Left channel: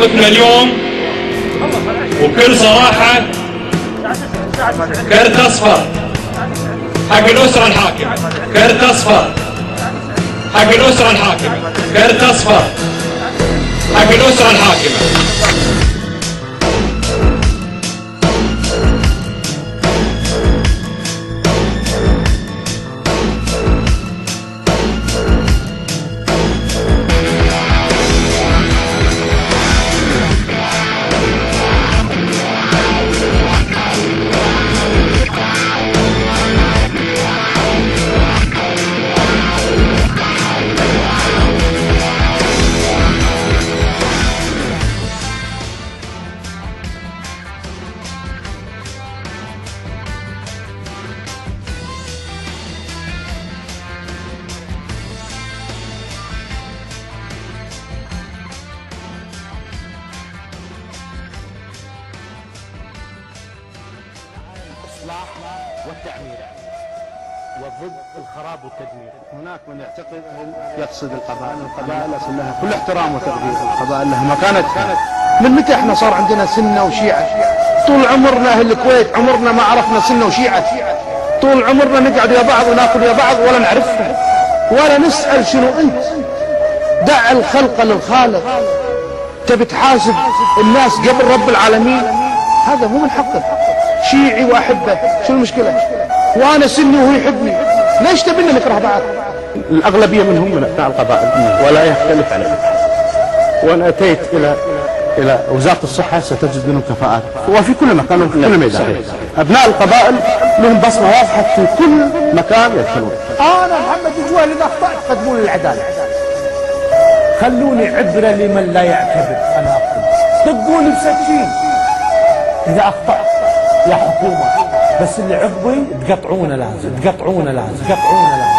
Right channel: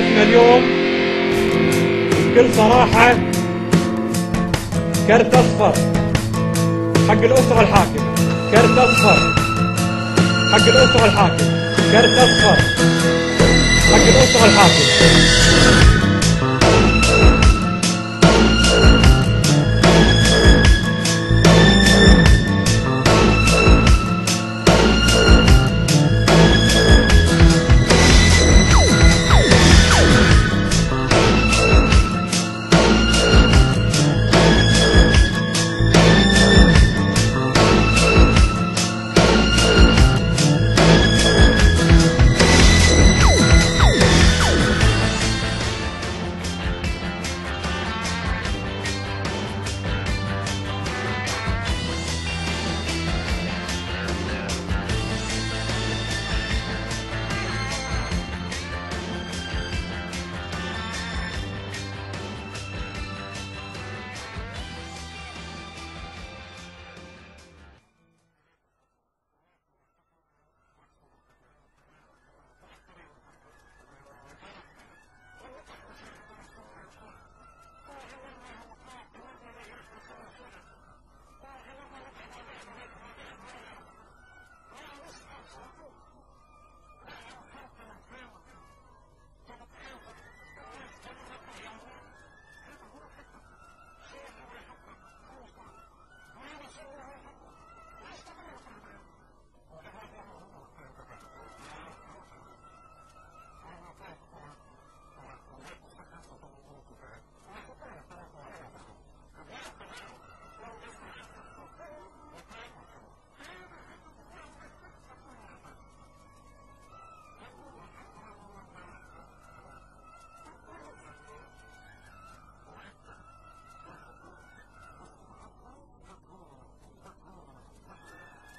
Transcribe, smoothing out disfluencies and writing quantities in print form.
موقفنا اليوم وبكل صراحة كرت أصفر حق الأسرة الحاكمة، كرت أصفر حق الأسرة الحاكمة، كرت أصفر حق الأسرة الحاكمة. والتعمير وضد الخراب والتدمير. هناك من يقصد القبائل أصل لها كل احترام وتقدير، القبائل لها مكانتها. من متى احنا صار عندنا سنة وشيعة؟ طول عمرنا اهل الكويت عمرنا ما عرفنا سنة وشيعة، طول عمرنا نقعد يا بعض وناكل يا بعض ولا نعرفهم ولا نسأل شنو انت. دع الخلق للخالق. تبي تحاسب الناس قبل رب العالمين؟ هذا مو من حقك. شيعي واحبه، شو المشكلة؟ وانا سني وهو يحبني، ليش تبينا نكره بعض؟ الأغلبية منهم من أبناء القبائل ولا يختلف عليه. وأنا أتيت إلى وزارة الصحة ستجد منهم كفاءات وفي كل مكان وفي كل ميدان. أبناء القبائل لهم بصمة واضحة في كل مكان يدخلون. أنا محمد الجوهري إذا أخطأت قدموني للعدالة، خلوني عبرة لمن لا يعتبر أنا أخطأ، دقوني بسكين إذا أخطأت يا حكومة، بس اللي عقبي تقطعونه لازم، تقطعونه لازم، تقطعونه لازم.